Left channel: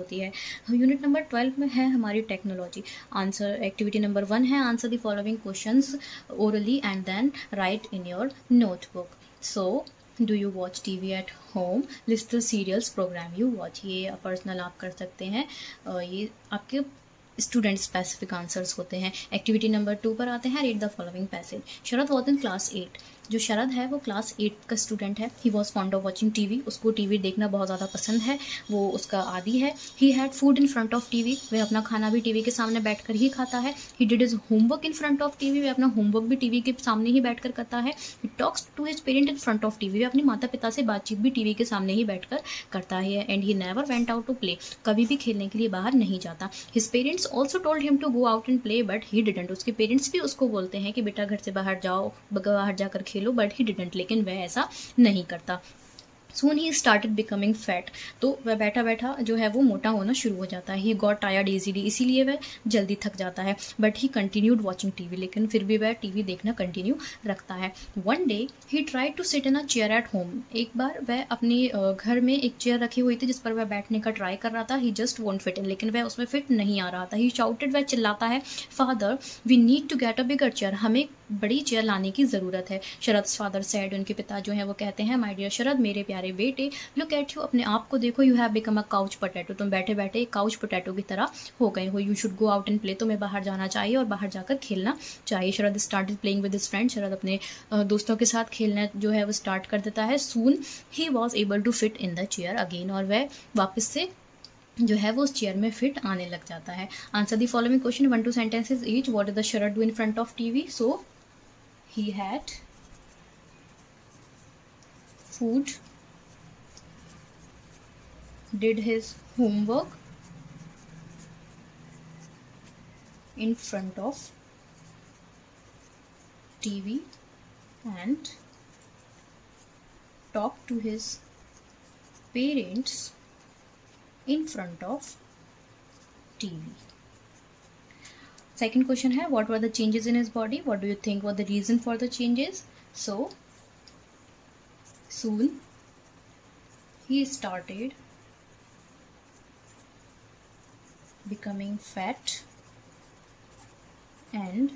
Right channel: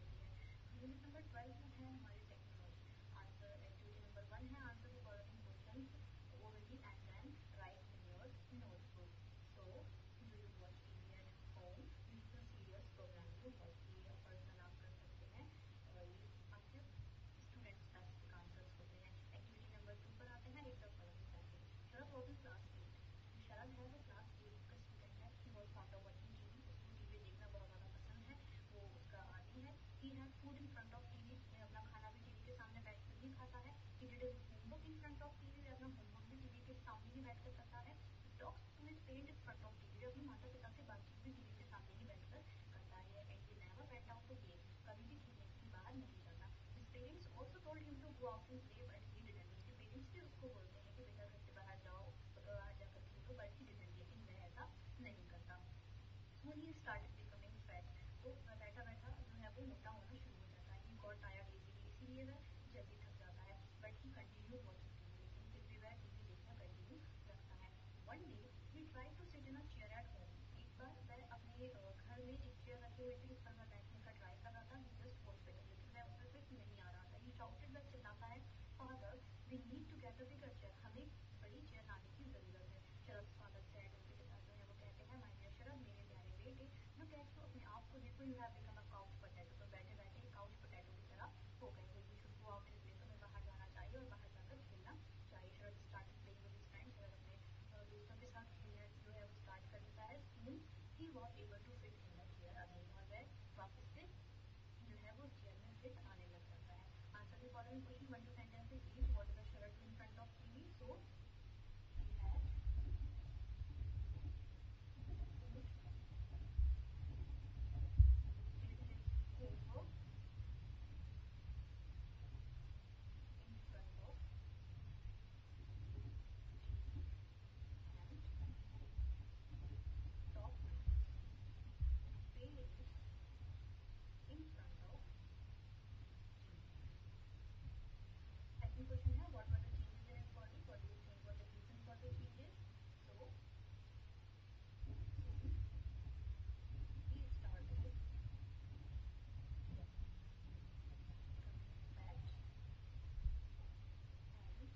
होती है। Unit number 12 में है हमारी टेक्नोलॉजी। आंसर एक्टिविटी नंबर 1 है answer the following questions orally and then write in your notebook. So do you watch TV at home, list the serials programme you watch. ये personal आप कर सकते हैं, ये आपके स्टूडेंट स्पेसिफिक आंसर्स होते हैं। एक्टिविटी नंबर 2 पर आते हैं, read the following passage. Sharad was in class 8। जो शरद है वो क्लास 8 का स्टूडेंट है। He was fond of watching TV, उसको टीवी देखना बहुत ज़्यादा पसंद है, वो उसका आदी है। He had food in front of TV, वह अपना खाना भी टीवी के सामने बैठकर ही खाता है। He did is homework in front of TV, वह अपना होमवर्क भी टीवी के सामने ही बैठकर करता है। He talks to his parent in front of TV, वह अपने माता पिता से बातचीत भी टीवी के सामने ही बैठकर करता है। And he never went out to play, कभी भी खेलने के लिए बाहर नहीं जाता। His parents also told him to go out and play but he didn't, उसके पेरेंट्स भी उसको बोलते हैं कि बेटा घर से बाहर जाओ, बाहर जाकर खेलो, बट ही डिडंट, लेकिन वह ऐसा नहीं करता। Soon he started becoming fat, तो वह बैठा बैठा जो है वो मोटा होना शुरू हो जाता है। He got tired easily, इसीलिए वह जल्दी थक जाता है। But he continued watching TV, लेकिन फिर भी वह टीवी देखना कंटिन्यू रखता है। One day he tried to sit in a chair at home, एक बार वह अपने घर में एक चेयर रखी हुई थी जिस पर वह बैठने का ट्राई कर रहा था। He just won't fit in, लेकिन वह उसमें फिट नहीं आ रहा था। He shouted, वह चिल्लाता है, Father, we need to get a bigger chair, हमें बड़ी चेयर लाने की ज़रूरत है। शरद फादर सैड, उनके पिता जो है वो कहते हैं, माय डियर शरद, मेरे प्यारे बेटे, लुक एट यू, अपने आप को देखो, you have become a couch potato, तुम बैठे बैठे एक काउच पोटैटो की तरह हो गए हो। You should go out and play, तुम्हें बाहर जाना चाहिए और बाहर जाकर खेलना चाहिए। Sharad started playing with his friend, Sharad अपने दोस्तों के साथ खेलना जो है वो स्टार्ट कर देता है। Soon he was able to fit in the chair again, और वह वापस से जो है वो उस चेयर में फिट आने लग जाता है। Answer the following question 1-2 sentences each. What is the Sharad do in front of TV? So he had food, did his homework in front of TV and talked to his parents in front of TV. Second question है, what were the changes in his body? What do you think were the reason for the changes? So soon he started becoming fat and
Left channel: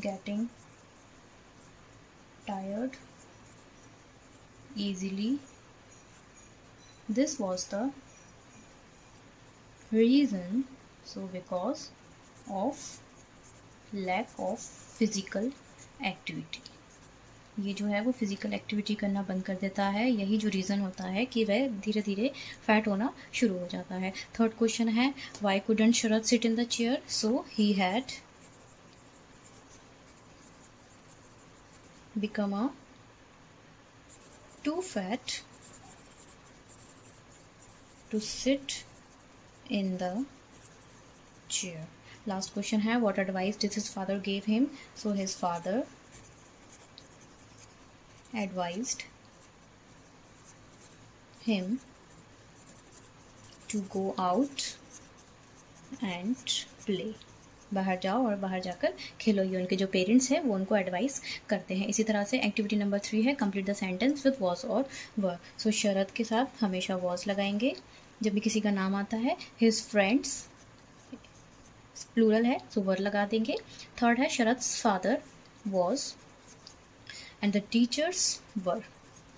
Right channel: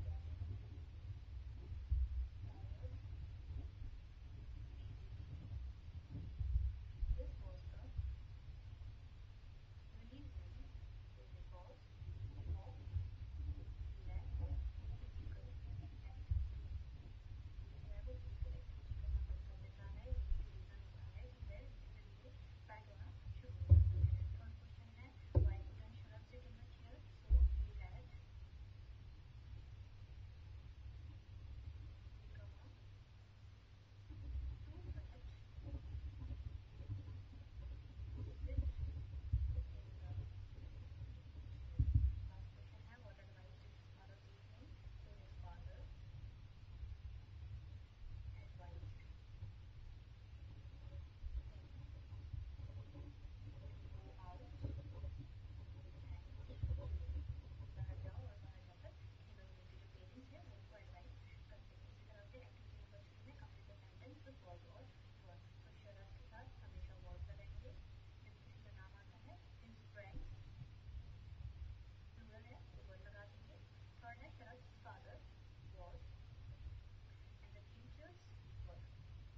getting tired easily. This was the reason, so because of lack of physical activity, ये जो है वो physical activity करना बंद कर देता है, यही जो रीज़न होता है कि वह धीरे धीरे फैट होना शुरू हो जाता है। थर्ड क्वेश्चन है, why couldn't Sharad sit in the chair? So he had become a too fat to sit in the chair. Last question है, what advice did his father gave him? So his father advised him to go out and play, बाहर जाओ और बाहर जाकर खेलो। ये उनके जो parents हैं वो उनको एडवाइस करते हैं। इसी तरह से एक्टिविटी नंबर 3 है, complete the sentence with was और वर। सो शरद के साथ हमेशा वॉज लगाएंगे जब भी किसी का नाम आता है। हिज फ्रेंड्स प्लूरल है तो वर लगा देंगे। थर्ड है, Sharad's father was and the teachers were,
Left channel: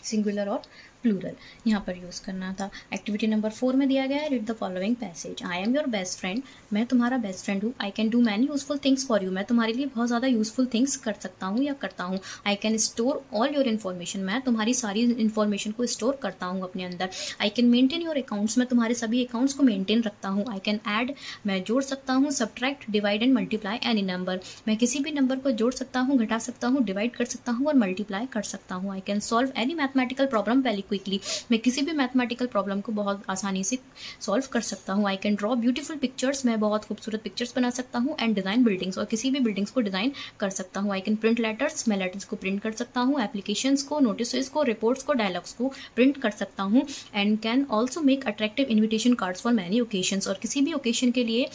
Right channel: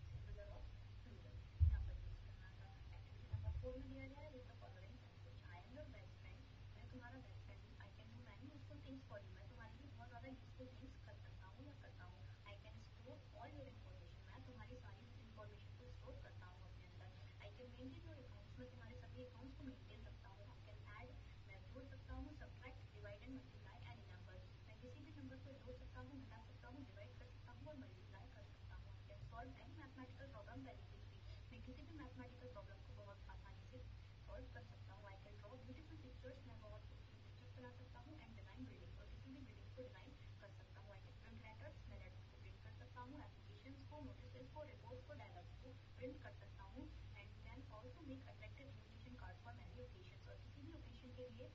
singular और प्लूरल यहाँ पर यूज़ करना था। एक्टिविटी नंबर 4 में दिया गया है, read the following passage. I am your best friend, मैं तुम्हारा बेस्ट फ्रेंड हूँ। I can do many useful things for you, मैं तुम्हारे लिए बहुत ज़्यादा यूजफुल थिंग्स कर सकता हूँ या करता हूँ। I can store all your information, मैं तुम्हारी सारी इन्फॉर्मेशन को स्टोर करता हूँ अपने अंदर। I can maintain your accounts, मैं तुम्हारे सभी अकाउंट्स को मेंटेन रखता हूँ। आई कैन ऐड, मैं जोड़ सकता हूँ। Subtract, divide and multiply any number, मैं किसी भी नंबर को जोड़ सकता हूँ, घटा सकता हूँ, डिवाइड कर सकता हूँ और मल्टीप्लाई कर सकता हूँ। I can solve any mathematical problem very quickly, मैं किसी भी मैथमेटिकल प्रॉब्लम को बहुत आसानी से सॉल्व कर सकता हूँ। I can draw beautiful pictures, मैं बहुत खूबसूरत पिक्चर्स बना सकता हूँ। एंड डिज़ाइन बिल्डिंग्स, और किसी भी बिल्डिंग्स को डिज़ाइन कर सकता हूँ। आई कैन प्रिंट लेटर्स, मैं लेटर्स को प्रिंट कर सकता हूँ। एप्लीकेशंस को, नोटिस को, रिपोर्ट्स को, डायलॉग्स को प्रिंट कर सकता हूँ। And can also make attractive invitation cards for many occasions, और किसी भी ओकेशन के लिए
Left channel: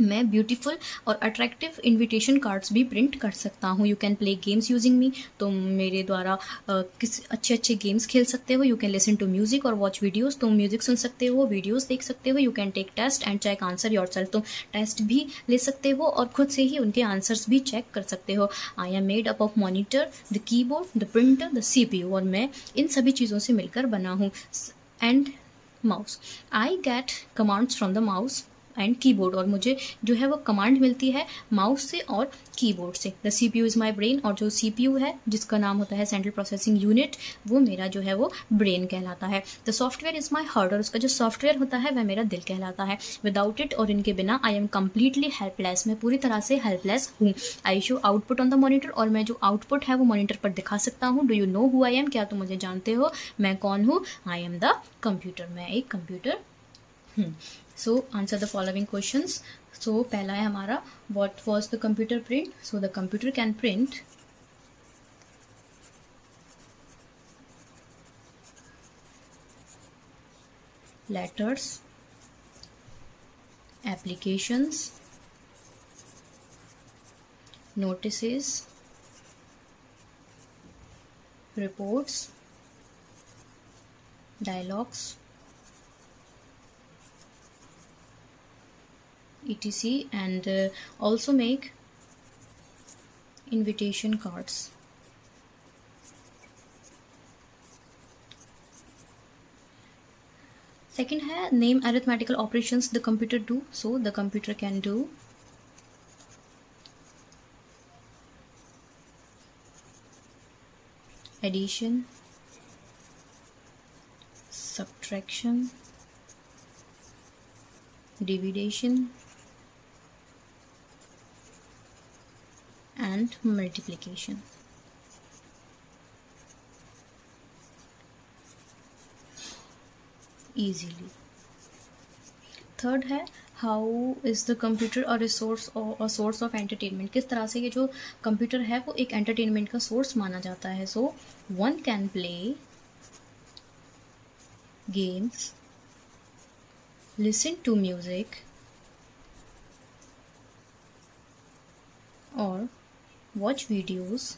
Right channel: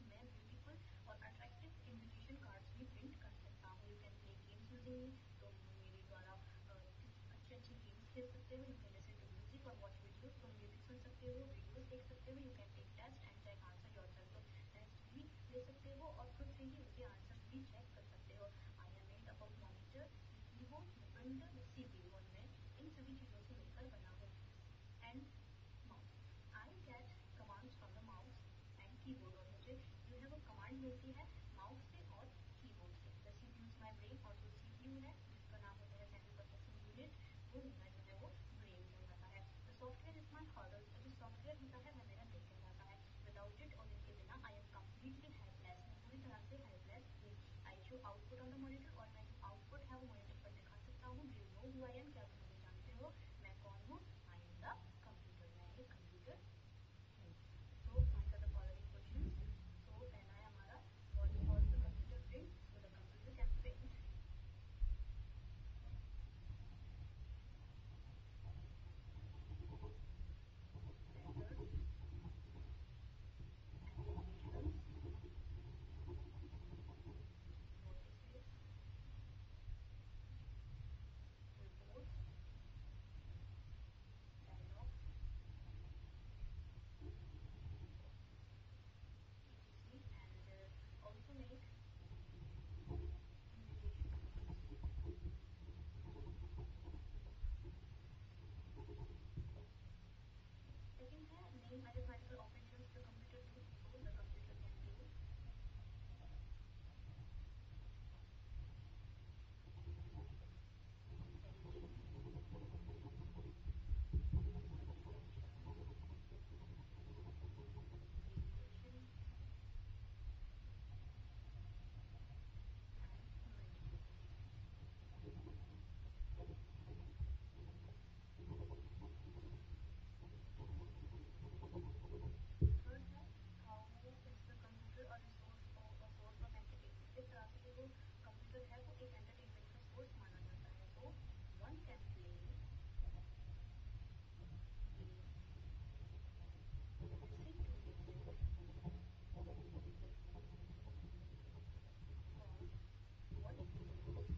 मैं ब्यूटीफुल और अट्रैक्टिव इनविटेशन कार्ड्स भी प्रिंट कर सकता हूँ। You can play games using me, तुम मेरे द्वारा किस अच्छे अच्छे गेम्स खेल सकते हो। You can listen to music और वॉच वीडियोस, तुम म्यूजिक सुन सकते हो, वीडियोस देख सकते हो। You can take test and check answer yourself, तुम टेस्ट भी ले सकते हो और खुद से ही उनके आंसर्स भी चेक कर सकते हो। I am made up of monitor, the keyboard, the printer, the CPU, और मैं इन सभी चीज़ों से मिलकर बना हूँ। And mouse, I get commands from the mouse and keyboard, और मुझे जो है वो कमांड मिलती है माउस से और कीबोर्ड से। The CPU is my brain, और जो CPU है जिसका नाम होता है सेंट्रल प्रोसेसिंग यूनिट, वो मेरा जो है वो ब्रेन कहलाता है। The software is my heart, और उसका जो सॉफ्टवेयर होता है वह मेरा दिल कहलाता है। विदाउट इट, और इनके बिना, आई एम कम्प्लीटली हेल्पलेस, मैं पूरी तरह से हेल्पलेस हूँ। I show output on the monitor, और मैं जो आउटपुट है वो मॉनिटर पर दिखा सकता हूँ। Do you know who I am, क्या तुम मुझे जानते हो, मैं कौन हूँ। आई एम द कंप्यूटर, मैं एक कंप्यूटर हूँ। So answer the following questions. So पहला है हमारा, what was the computer print. So the computer can print letters, applications, notices, reports, dialogues, etc, and also make invitation cards. Second है, name arithmetical operations the computer do. So the computer can do addition, subtraction, division, and multiplication. Easily. Third है, how is the computer a resource और a source of entertainment, किस तरह से ये जो computer है वो एक एंटरटेनमेंट का सोर्स माना जाता है। So one can play games, listen to music, और watch videos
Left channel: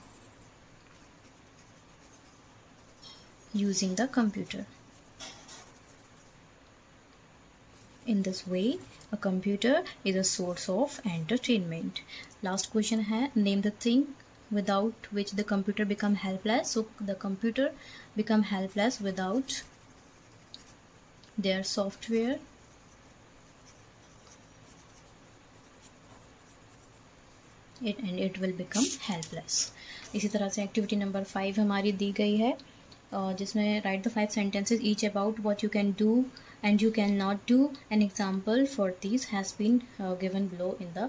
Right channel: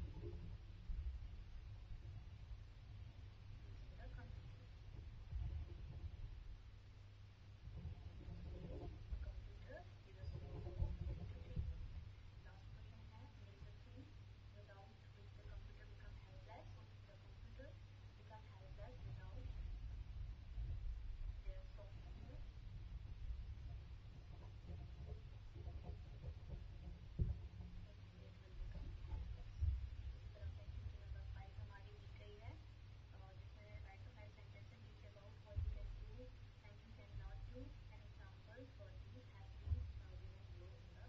using the computer. In this way, a computer is a source of entertainment. Last question है, name the thing without which the computer become helpless. So the computer become helpless without their software, and it will become helpless. इसी तरह से activity number 5 हमारी दी गई है, जिसमें right the 5 sentences each about what you can do and you cannot do. An example for these has been given below in the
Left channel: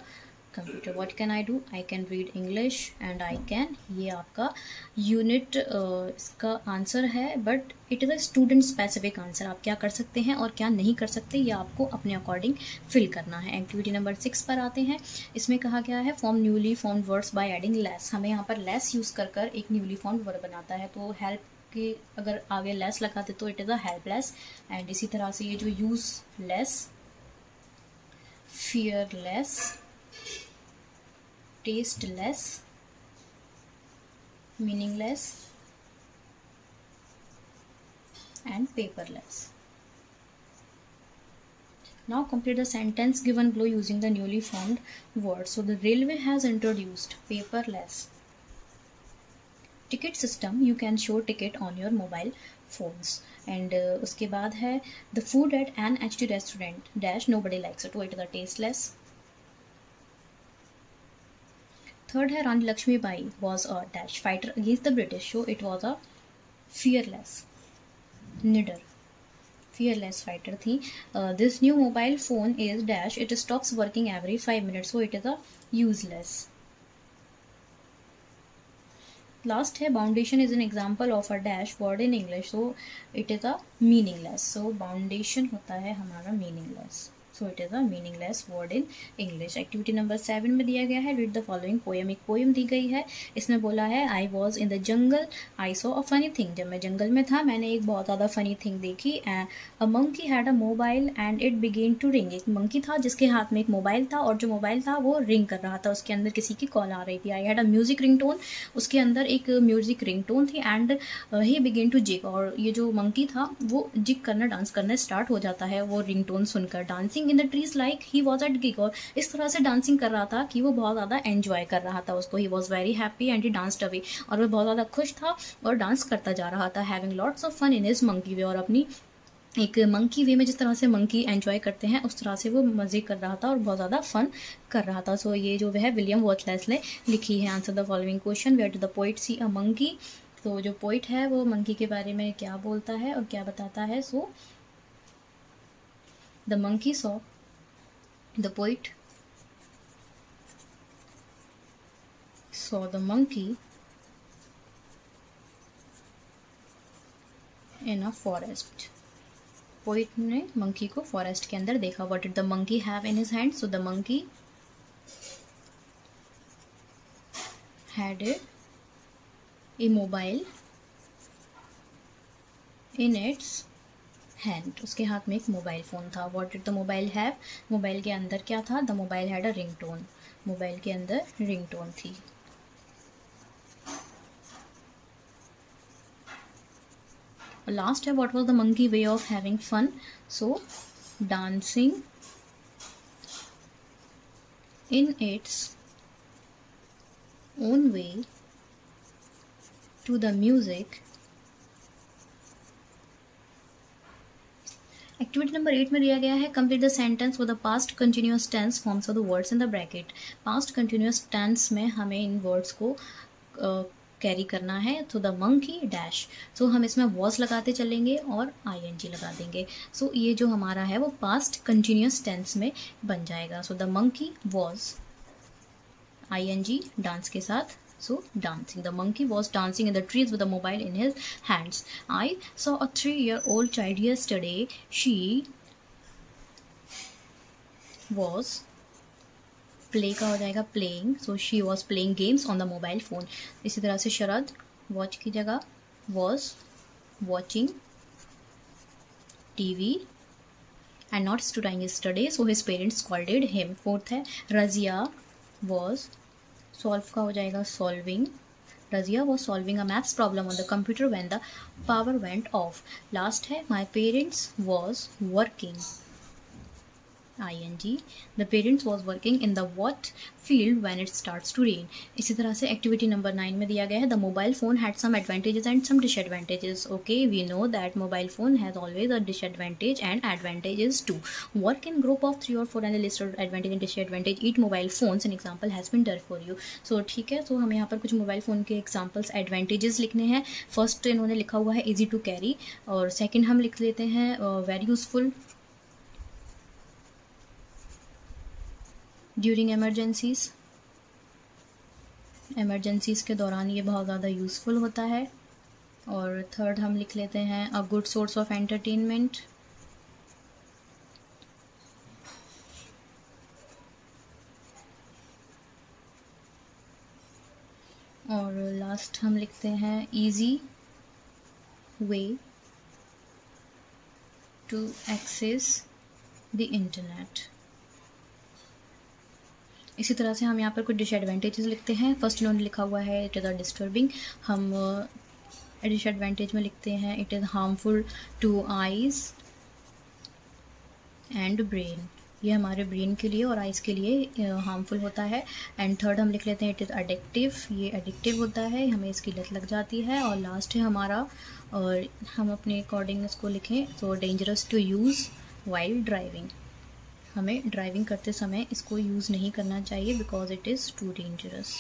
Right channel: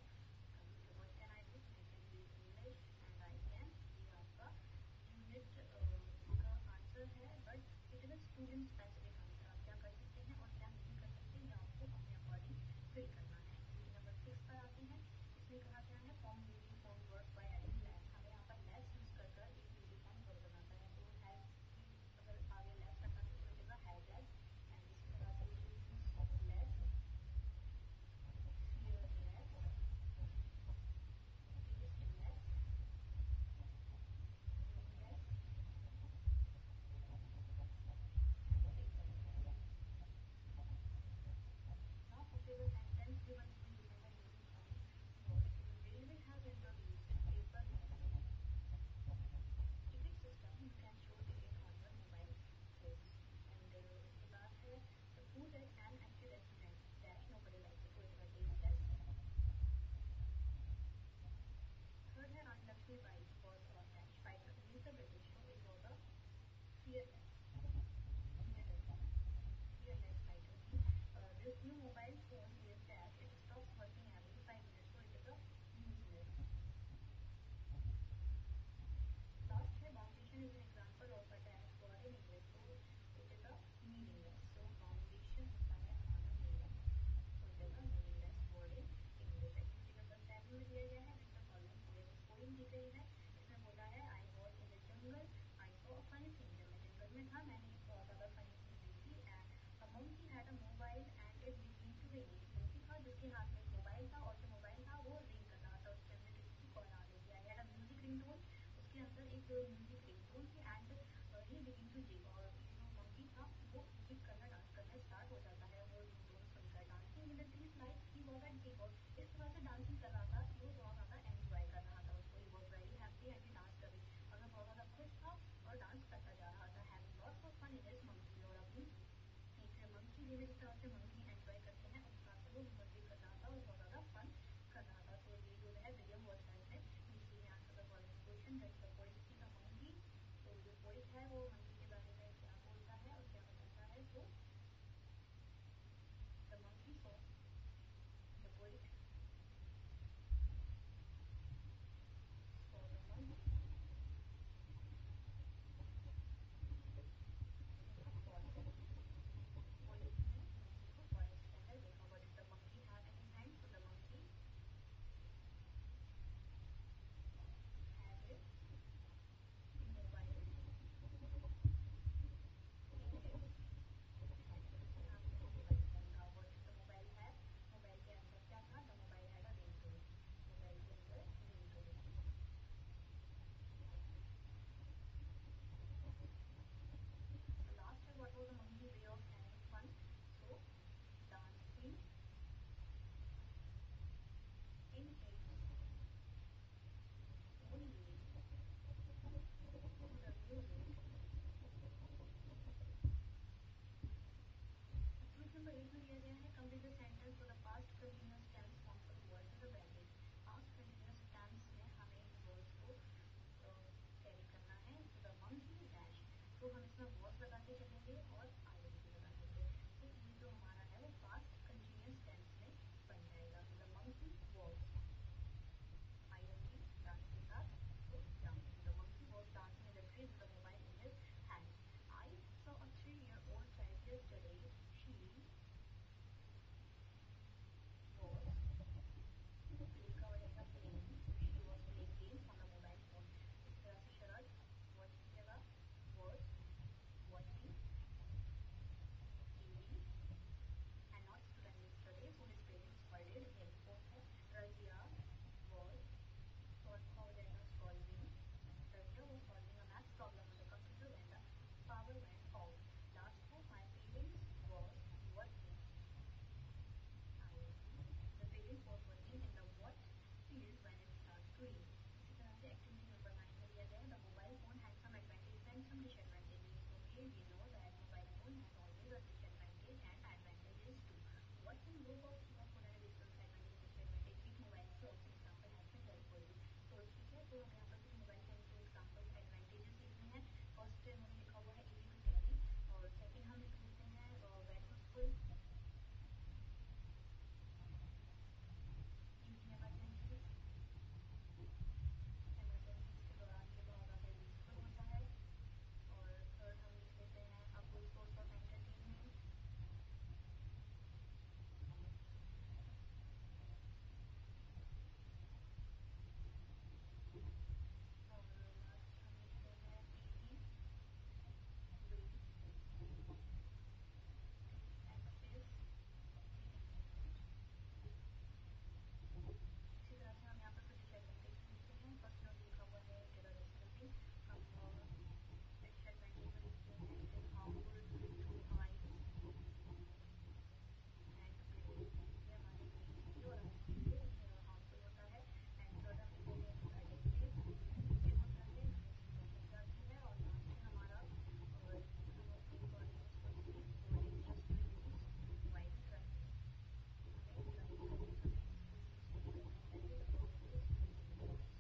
computer. What can I do? I can read English and I can, ये आपका unit इसका answer है, but it is a student specific answer. आप क्या कर सकते हैं और क्या नहीं कर सकते ये आपको अपने अकॉर्डिंग फिल करना है। एक्टिविटी नंबर 6 पर आते हैं। इसमें कहा गया है, form newly formed words by adding less. हमें यहाँ पर लेस यूज़ कर कर एक न्यूली फॉर्म्ड वर्ड बनाता है, तो हेल्प कि अगर आगे लेस लगाते तो it is a helpless. And इसी तरह से ये जो use less, fearless, tasteless, meaningless and paperless. Now complete the sentence given below using the newly formed word. So the railway has introduced paperless ticket system. You can show ticket on your mobile phones. And उसके बाद है, the food at an HT restaurant dash nobody likes it. So it is a tasteless. Third है, Rani Lakshmibai was a dash fighter against the British. So it was a fearless, निडर, fearless fighter थी. This new mobile phone is dash, it stops working every 5 minutes. So it is a useless. Last है, foundation is an example of a dash word in English. So it is a meaningless. So foundation होता है हमारा meaningless. So it is a meaningless word in English. Activity number 7 में दिया गया है read the following poem. एक poem दी गई है, इसमें बोला है I was in the jungle I saw a funny thing. जब मैं जंगल में था मैंने एक बहुत ज़्यादा फनी थिंग देखी। A monkey had a mobile and it began to ring. एक मंकी था जिसके हाथ में एक मोबाइल था और जो मोबाइल था वो रिंग कर रहा था, उसके अंदर किसी की कॉल आ रही थी। I had a music ringtone, उसके अंदर एक म्यूजिक रिंगटोन थी। And he began to jig, और ये जो मंकी था वो जिग करना, डांस करना स्टार्ट हो जाता है वो रिंगटोन सुनकर। Dancing in the trees like he was at gig, और इस तरह से डांसिंग कर रहा था कि वो बहुत ज़्यादा एंजॉय कर रहा था उसको। He was very happy and he danced away, और वो बहुत ज़्यादा खुश था और डांस करता जा रहा था। Having lots of fun in his monkey way, और अपनी एक मंकी वे में जिस तरह से मंकी एंजॉय करते हैं उस तरह से वो मज़े कर रहा था और बहुत ज़्यादा फन कर रहा था। सो ये जो है विलियम वर्थलेस ने लिखी है। Answer the following question, where do the poet see a monkey. तो जो पोइट है वो मंकी के बारे में क्या बोलता है और क्या बताता है। So the monkey saw, the poet saw the monkey in a forest. Poet ने मंकी को फॉरेस्ट के अंदर देखा। What did the monkey have in his hand. So the monkey had a mobile in its hand. उसके हाथ में एक mobile phone था। What did the mobile have. Mobile के अंदर क्या था। The mobile had a ringtone. Mobile के अंदर रिंगटोन थी। लास्ट है what was the monkey way of having fun. So dancing in its own way to the music. Activity number 8 में दिया गया है complete the sentence with the past continuous tense forms of the words in the bracket. Past continuous tense में हमें इन words को carry करना है। तो द मंकी डैश, सो हम इसमें वॉज लगाते चलेंगे और ing लगा देंगे। सो ये जो हमारा है वो पास्ट कंटिन्यूअस टेंस में बन जाएगा। So the monkey was ing dance के साथ। So dancing. The monkey was dancing in the trees with a mobile in his hands. I saw a 3-year-old child yesterday. She was play का हो जाएगा playing. So she was playing games on the mobile phone. इसी तरह से शरद watch की जगह was watching TV and not studying yesterday. So his parents scolded him. Fourth है Razia was solve का हो जाएगा solving. Razia was solving a maths problem on the computer when the power went off. Last है my parents was working ing, the parents was working in the what field when it starts to rain. इसी तरह से activity number 9 में दिया गया है the mobile phone had some advantages and some disadvantages. Okay, we know that mobile phone has always a disadvantage and advantages too. Work in group of 3 or 4 and list of advantage and disadvantage each mobile phones. An example has been done for you. So ठीक है, so हमें यहाँ पर कुछ mobile phone के examples advantages लिखने हैं। First इन्होंने लिखा हुआ है easy to carry, और सेकेंड हम लिख लेते हैं very useful ड्यूरिंग एमरजेंसीज़ के दौरान ये बहुत ज़्यादा यूज़फुल होता है। और थर्ड हम लिख लेते हैं a good source of entertainment. और लास्ट हम लिखते हैं easy way to access the internet. इसी तरह से हम यहाँ पर कुछ डिसएडवांटेजेस लिखते हैं। फर्स्ट इन्होंने लिखा हुआ है इट इज़ अ डिस्टर्बिंग। हम डिसएडवांटेज में लिखते हैं it is harmful to eyes and brain. ये हमारे ब्रेन के लिए और आइज़ के लिए हार्मफुल होता है। एंड थर्ड हम लिख लेते हैं इट इज़ एडिक्टिव। ये एडिक्टिव होता है, हमें इसकी लत लग जाती है। और लास्ट है हमारा, और हम अपने अकॉर्डिंग इसको लिखें तो dangerous to use while driving. हमें ड्राइविंग करते समय इसको यूज़ नहीं करना चाहिए because it is too dangerous.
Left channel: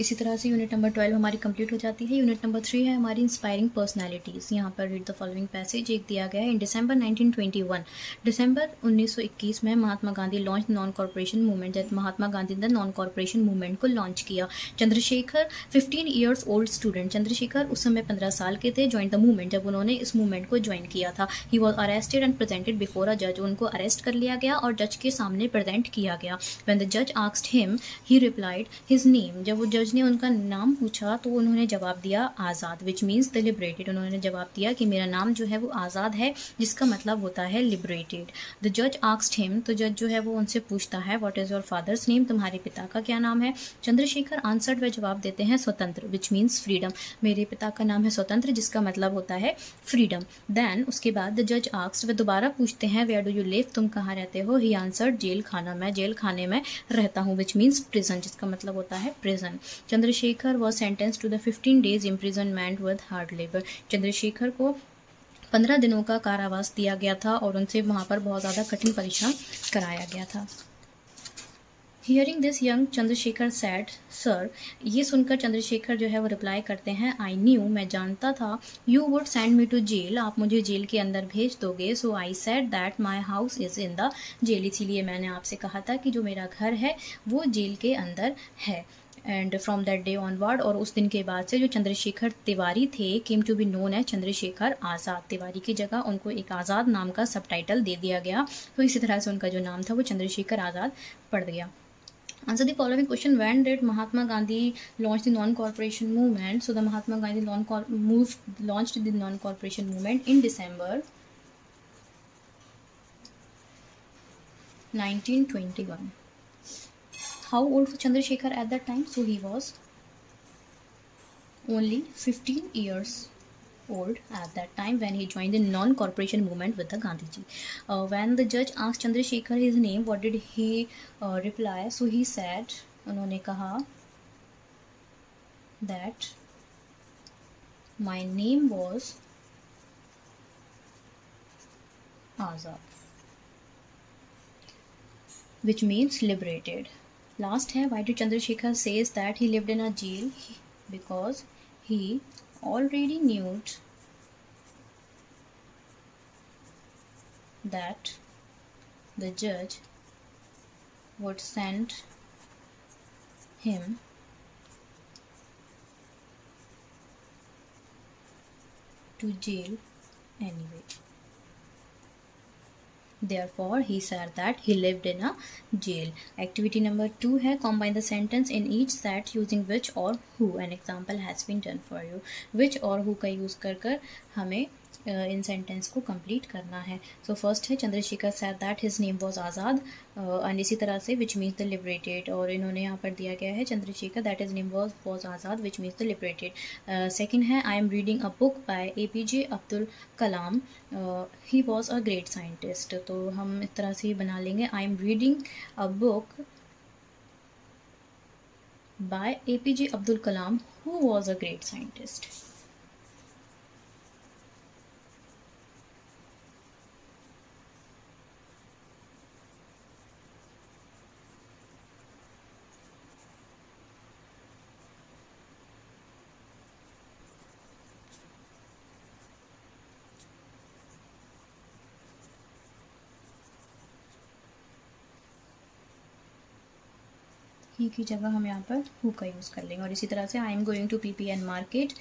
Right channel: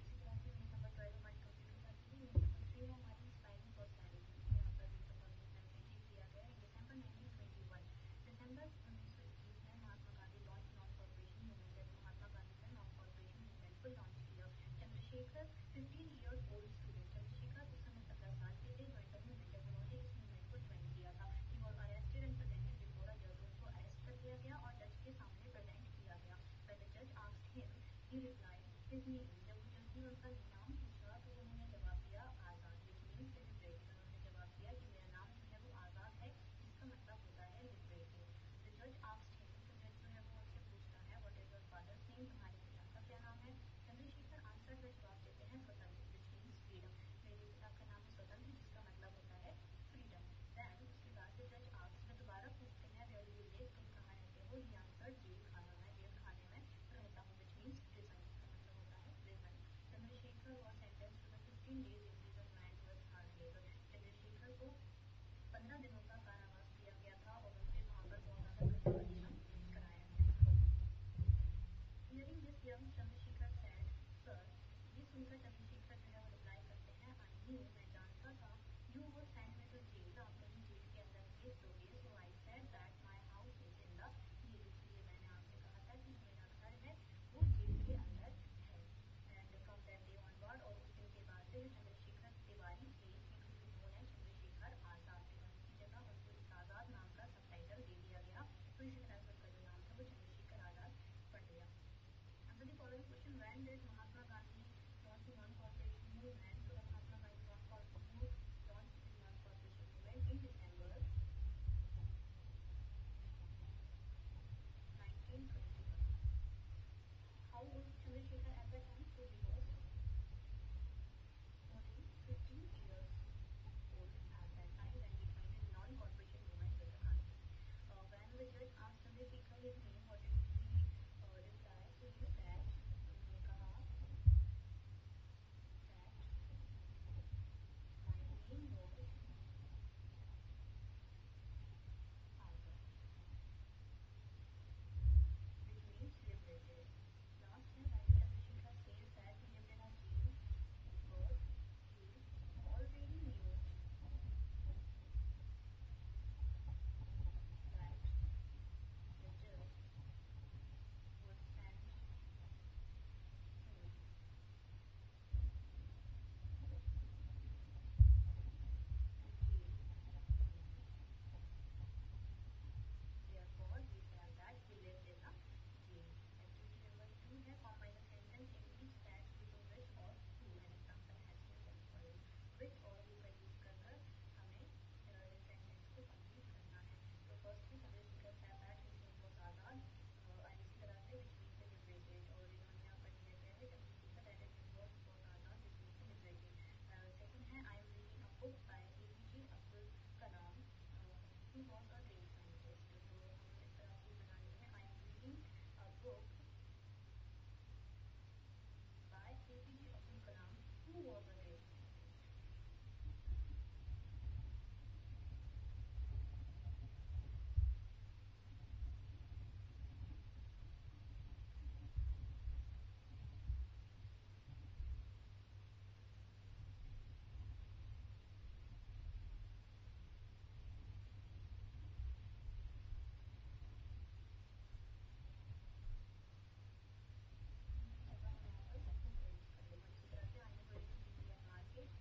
इसी तरह से यूनिट नंबर 12 हमारी कंप्लीट हो जाती है। यूनिट नंबर 3 है हमारी इंस्पायरिंग पर्सनैलिटीज़। यहाँ पर रीड द फॉलोइंग पैसेज एक दिया गया है। इन दिसंबर 1921, दिसंबर 1921 में Mahatma Gandhi launch non corporation movement. जब महात्मा गांधी ने नॉन कॉर्पोरेशन मूवमेंट को लॉन्च किया। Chandrashekhar 15 years old student, Chandrashekhar उस समय 15 साल के थे। ज्वाइन द मूवमेंट, जब उन्होंने इस मूवमेंट को ज्वाइन किया था। He was arrested and presented before a जज, उनको अरेस्ट कर लिया गया और जज के सामने प्रेजेंट किया गया। व्हेन द जज asked him he replied his name, जब वो जज ने उनका नाम पूछा तो उन्होंने जवाब दिया आज़ाद, विच मीन्स द लिबरेटेड। उन्होंने जवाब दिया कि मेरा नाम जो है वो आज़ाद है, जिसका मतलब होता है लिबरेटेड। द जज आस्क्ड हिम, तो जज जो है वो उनसे पूछता है what is your father's name, तुम्हारे पिता का क्या नाम है। चंद्रशेखर आंसर्ड, वे जवाब देते हैं स्वतंत्र, विच मीन्स फ्रीडम। मेरे पिता का नाम है स्वतंत्र, जिसका मतलब होता है फ्रीडम। देन उसके बाद द जज आस्क्ड, वे दोबारा पूछते हैं वेयर डू यू लिव, तुम कहाँ रहते हो। ही आंसर्ड जेल खाना, मैं जेल खाने में रहता हूँ, विच मीन्स प्रिजन, जिसका मतलब होता है prison. Chandrashekhar was sentence to the 15 days imprisonment with hard labour. Chandrashekhar को 15 दिनों का कारावास दिया गया था और उनसे वहाँ पर बहुत ज़्यादा कठिन परिश्रम कराया गया था। Hearing this young Chandrashekhar sad sir, ये सुनकर चंद्रशेखर जो है वो रिप्लाई करते हैं आई न्यू, मैं जानता था, you would send me to jail, आप मुझे जेल के अंदर भेज दोगे। So I said that my house is in the jail, इसीलिए मैंने आपसे कहा था कि जो मेरा घर है वो जेल के अंदर है। And from that day onward, और उस दिन के बाद से जो चंद्रशेखर तिवारी थे came to be known as Chandrashekhar Azad. Tiwari की जगह उनको एक आज़ाद नाम का सब टाइटल दे दिया गया, तो इसी तरह से उनका जो नाम था वो चंद्रशेखर आज़ाद पड़ गया। Answer the following question. When did Mahatma Gandhi launch the non-corporation movement? So the Mahatma Gandhi launched the non-corporation movement in December 1921. How old was Chandrasekhar at that time? So he was only 15 years old at that time when he joined the non-corporation movement with the Gandhiji. When the judge asked Chandrasekhar his name, what did he reply? So he said, उन्होंने कहा that my name was Azad, which means liberated. Last है, why did Chandrasekhar says that he lived in a jail? Because he already knew that the judge would send him to jail anyway. Therefore, he said that he lived in a jail. Activity number 2 है combine the sentence in each set using which or who. An example has been done for you. Which और who का use कर कर हमें इन sentence को complete करना है। So first है Chandrashekhar sad that his name was Azad, and इसी तरह से विच मीन्स द लिबरेटेड, और इन्होंने यहाँ पर दिया गया है Chandrashekhar that his name was Azad which means the liberated. Second है I am reading a book by APJ Abdul Kalam, he was a great scientist. तो हम इस तरह से ही बना लेंगे I am reading a book by APJ Abdul Kalam who was a great scientist. He की जगह हम यहाँ पर हु का यूज़ कर लेंगे। और इसी तरह से I am going to PPN market,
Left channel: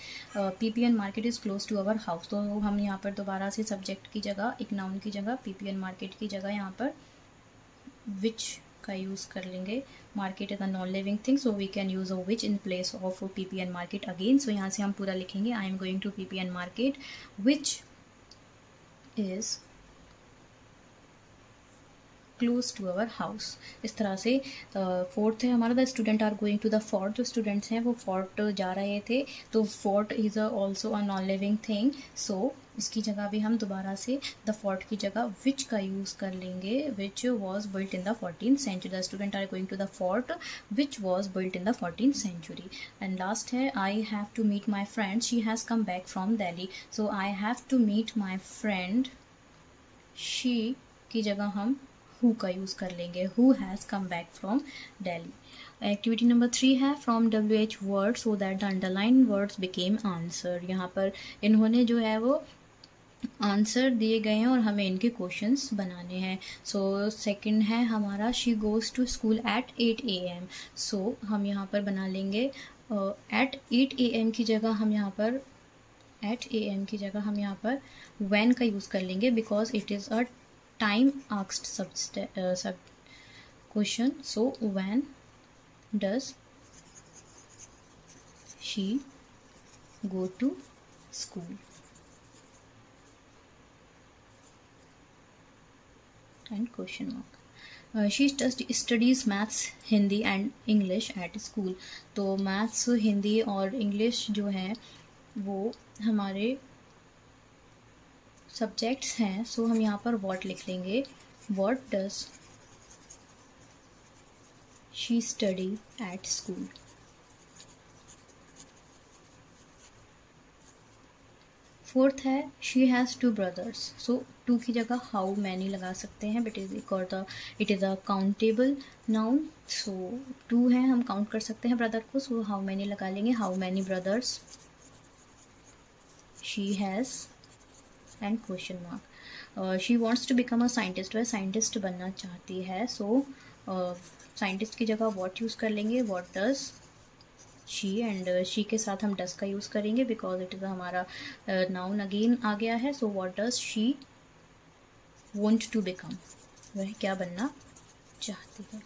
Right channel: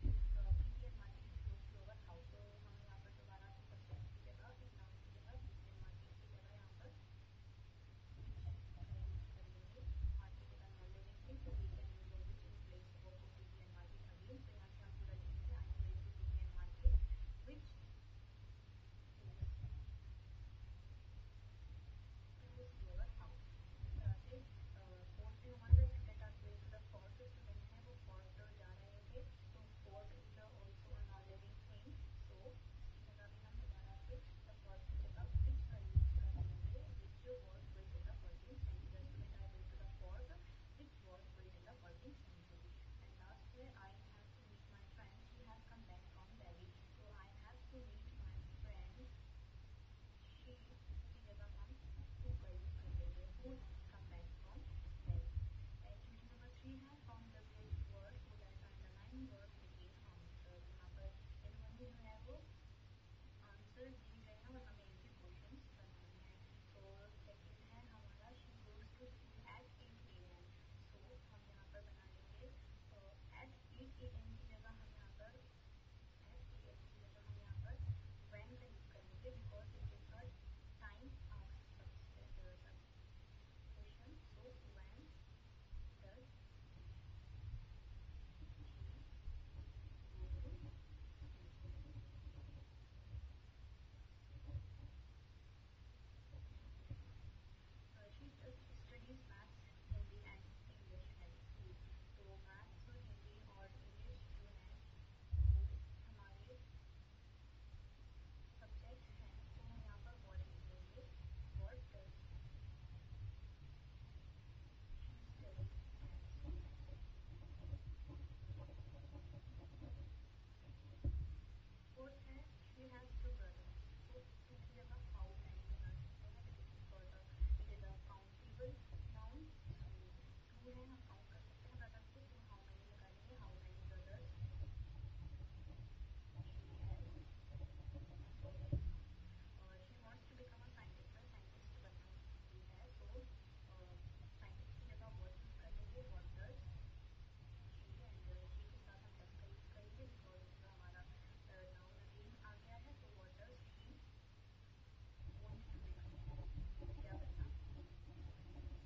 PPN market is close to our house, तो हम यहाँ पर दोबारा से सब्जेक्ट की जगह एक नाउन की जगह PPN मार्केट की जगह यहाँ पर विच का यूज़ कर लेंगे। Market is a non living thing, so we can use a which in place of PPN market again. So यहाँ से हम पूरा लिखेंगे I am going to PPN market which is close to our house. इस तरह से fourth है हमारा the student are going to the fort, जो स्टूडेंट्स हैं वो फोर्ट जा रहे थे, तो fort is also a non living thing, सो इसकी जगह भी हम दोबारा से द फोर्ट की जगह विच का यूज़ कर लेंगे, which was built in the 14th century. The student are going to the fort which was built in the 14th century. And last है I have to meet my friend she has come back from Delhi, so I have to meet my friend she की जगह हम who का use कर लेंगे, who has come back from Delhi. Activity number 3 है from WH word so that the underline words became answer. यहाँ पर इन्होंने जो है वो आंसर दिए गए हैं और हमें इनके क्वेश्चंस बनाने हैं। सो सेकंड है हमारा she goes to school at 8 AM। So हम यहाँ पर बना लेंगे एट 8 AM की जगह हम यहाँ पर when का यूज़ कर लेंगे because it is a time asked sub question. So when does she go to school and question mark। she studies maths, Hindi and English at school. तो मैथ्स, हिंदी और इंग्लिश जो है वो हमारे सब्जेक्ट्स हैं। सो हम यहाँ पर what लिख लेंगे, what does she study at school। Fourth है शी हैज़ 2 brothers। सो 2 की जगह हाउ मैनी लगा सकते हैं but it is a countable noun. So 2 है, हम काउंट कर सकते हैं ब्रदर को। सो हाउ मैनी लगा लेंगे, how many brothers she has and question mark. She wants to become a scientist, वह साइंटिस्ट बनना चाहती है। सो साइंटिस्ट की जगह वॉट यूज़ कर लेंगे, what does she, and she के साथ हम डस का यूज़ करेंगे बिकॉज इट इज़ हमारा नाउन अगेन आ गया है। So what does she want to become, वह क्या बनना चाहती है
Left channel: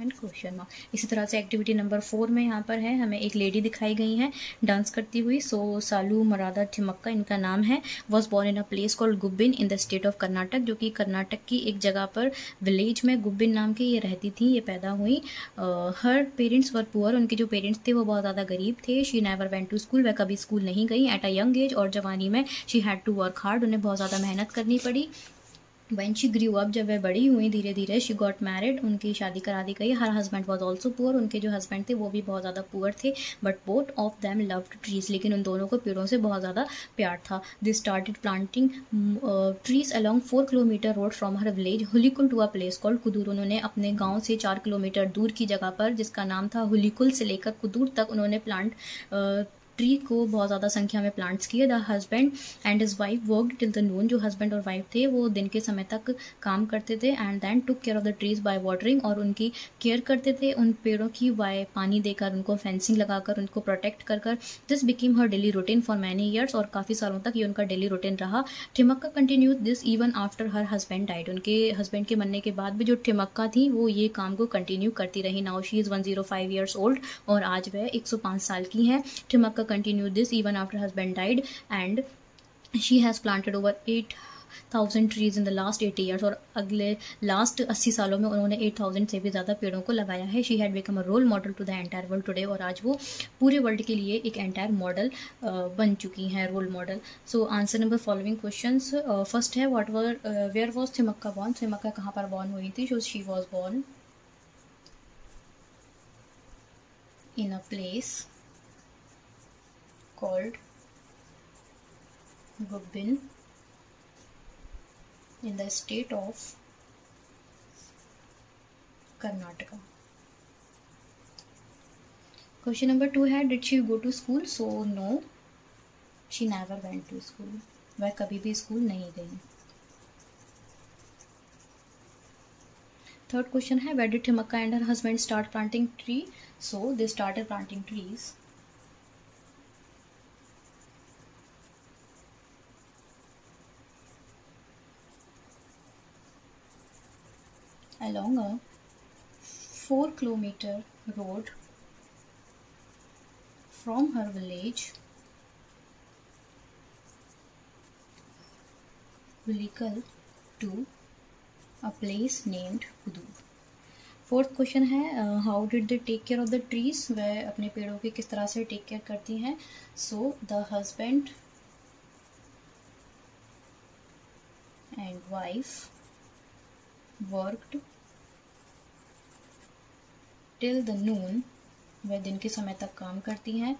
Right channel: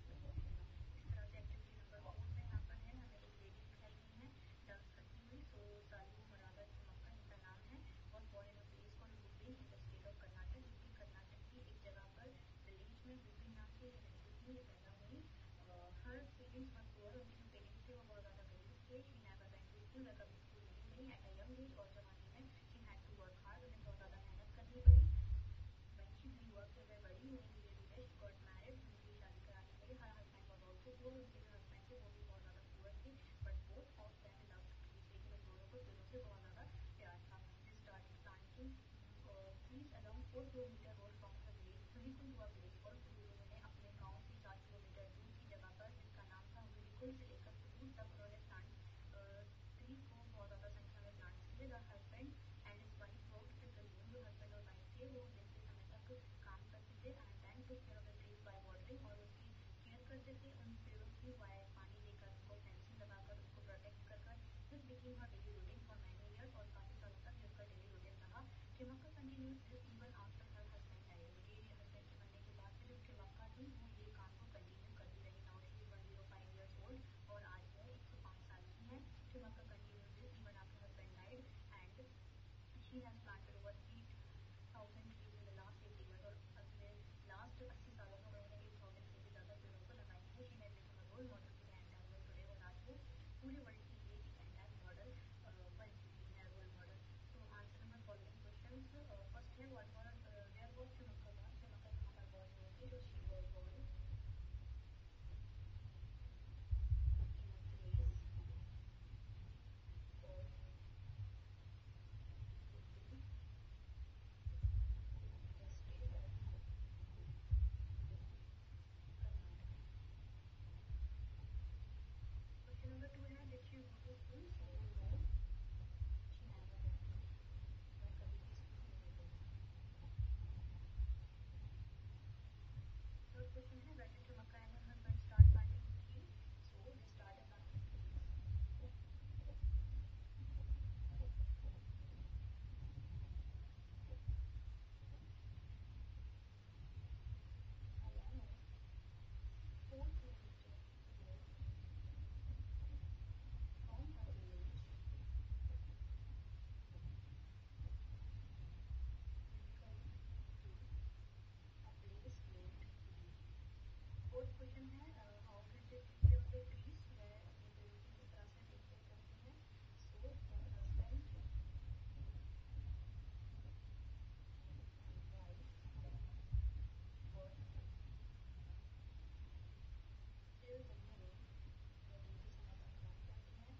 एंड क्वेश्चन मार्क। इसी तरह से एक्टिविटी नंबर 4 में यहाँ पर है हमें एक लेडी दिखाई गई है डांस करती हुई। सो सालू मरादा थिमक्का इनका नाम है। Was born in a place called Gubbin in the state of Karnataka, जो कि कर्नाटक की एक जगह पर विलेज में गुब्बिन नाम के ये रहती थी, ये पैदा हुई। हर पेरेंट्स वर पुअर, उनके जो पेरेंट्स थे वो बहुत ज़्यादा गरीब थे। She never went to school, वह कभी स्कूल नहीं गई। एट अ यंग एज, और जवानी में she had to work hard, उन्हें बहुत ज़्यादा मेहनत करनी पड़ी। When she grew up, जब वह बड़ी हुई धीरे धीरे, she got married, उनकी शादी करा दी गई। Her husband was also poor, उनके जो हस्बैंड थे वो भी बहुत ज़्यादा पुअर थे। But both of them loved trees, लेकिन उन दोनों को पेड़ों से बहुत ज़्यादा प्यार था। They started planting trees along 4 kilometer road from her village हुलिकुल to a place called कुदूर। उन्होंने अपने गाँव से 4 किलोमीटर दूर की जगह पर, जिसका नाम था हुलिकुल, से लेकर कुदूर तक उन्होंने ट्री को बहुत ज़्यादा संख्या में प्लांट्स किए। The husband and his wife worked till the noon, जो हस्बैंड और वाइफ थे वो दिन के समय तक काम करते थे। And then took care of the trees by watering, और उनकी केयर करते थे उन पेड़ों की बाय पानी देकर, उनको फेंसिंग लगाकर, उनको प्रोटेक्ट कर कर। This became her daily routine for many years, और काफ़ी सालों तक ये उनका डेली रूटीन रहा। Thimmakka continue this even after her husband died, उनके हस्बैंड के मरने के बाद भी जो ठिमक्का थी वो ये काम को कंटिन्यू करती रही। Now she is 105 years old, और आज वह 105 साल की हैं। Thimmakka continue this even after husband died, and she has planted over 8,000 trees in the last 80 years, और अगले लास्ट 80 सालों में उन्होंने 8,000 से भी ज़्यादा पेड़ों को लगाया है। She had become a role model to the entire world today, और आज वो पूरे वर्ल्ड के लिए एक एंटायर मॉडल बन चुकी हैं, role model. So answer number following questions. First है where was Thimmakka born, Thimmakka कहाँ पर बॉर्न हुई थी। So she was born in a place called Gubbin in the state of Karnataka। Question number 2 है did she go to school? So no, she never went to school, वह कभी भी school नहीं गई। थर्ड क्वेश्चन है where did Thimmakka and her husband start planting tree? So they started planting trees along a 4 kilometer road from her village Hulikal to a place named Kudur। Fourth question है how did they take care of the trees, वह अपने पेड़ों की किस तरह से take care करती हैं। So the husband and wife worked till the noon, वह दिन के समय तक काम करती हैं,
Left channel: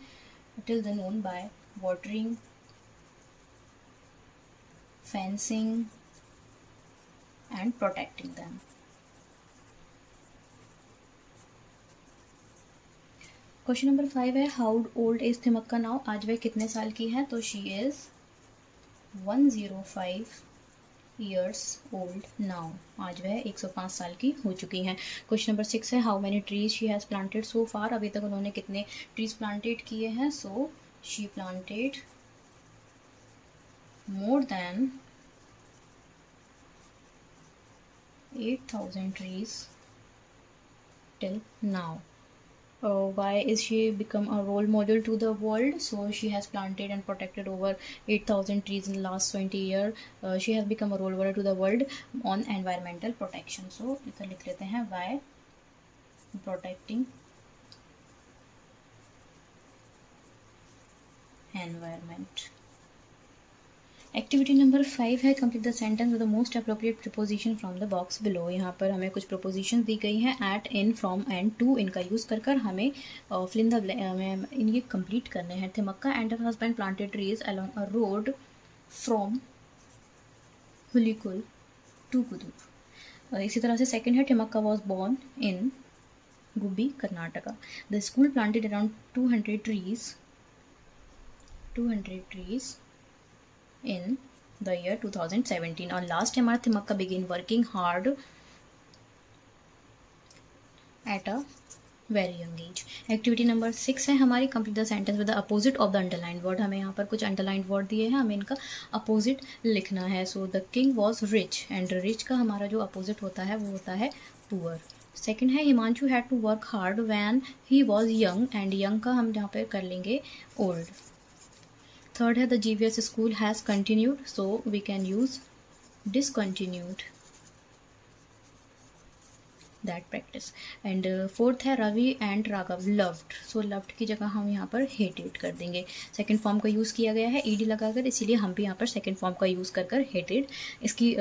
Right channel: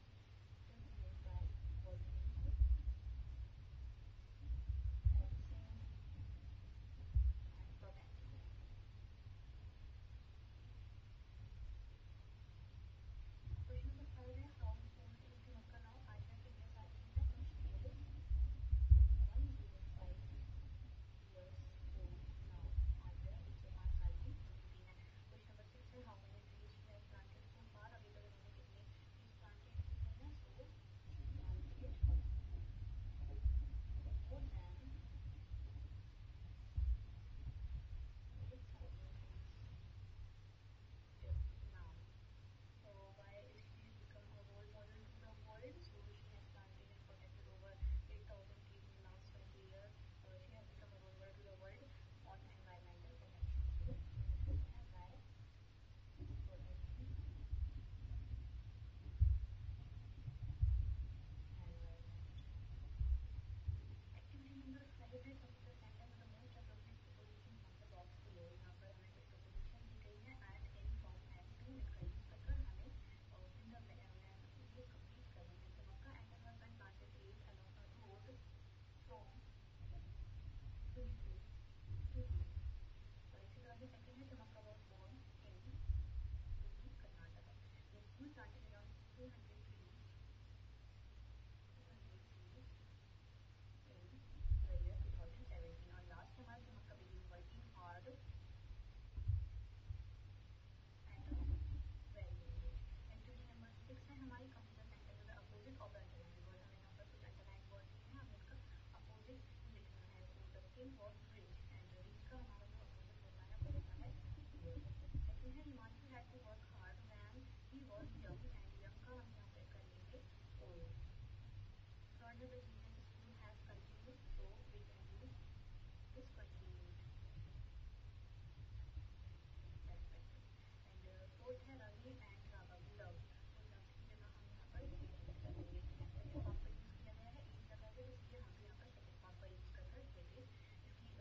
till the noon by watering, fencing and protecting them. Question number 5 है how old is Thimmakka now, आज वह कितने साल की है, तो she is 105 years old now, आज वह 105 साल की हो चुकी हैं। क्वेश्चन नंबर 6 है how many trees she has planted so far, अभी तक उन्होंने कितने ट्रीज प्लांटेड किए हैं, so she planted more than 8,000 trees till now. Why is she become a role model to the world, so she has planted and protected over 8,000 trees in the last 20 years. She has become a role model to the world on environmental protection. So इधर लिख लेते हैं by protecting environment. Activity number 5 है complete the sentence with the most appropriate preposition from the box below. यहाँ पर हमें कुछ preposition दी गई हैं, at, in, from and to, इनका यूज़ कर हमें फिल इन द ये कंप्लीट करने हैं। Thimmakka and her husband planted trees along a road from Hulikul to Kudur. इसी तरह से सेकेंड है Thimmakka was born in Gubbi Karnataka. The school planted around 200 trees in the year 2017, और लास्ट है हमारा Thimmakka begin working hard at a very young age. Activity number 6 है हमारी complete the sentence with the opposite of the underlined word. हमें यहाँ पर कुछ underlined word दिए हैं, हमें इनका अपोजिट लिखना है। So the king was rich, and rich का हमारा जो अपोजिट होता है वो होता है पुअर। सेकेंड है Himanshu had to work hard when he was young, and young का हम यहाँ पर कर लेंगे ओल्ड। थर्ड है the GVS school has continued, so we can use discontinued that practice. And fourth है Ravi and Raghav loved, so loved की जगह हम यहाँ पर हेटेड कर देंगे। सेकेंड फॉर्म का यूज़ किया गया है ईडी लगाकर, इसीलिए हम भी यहाँ पर सेकेंड फॉर्म का यूज़ कर हेटेड इसकी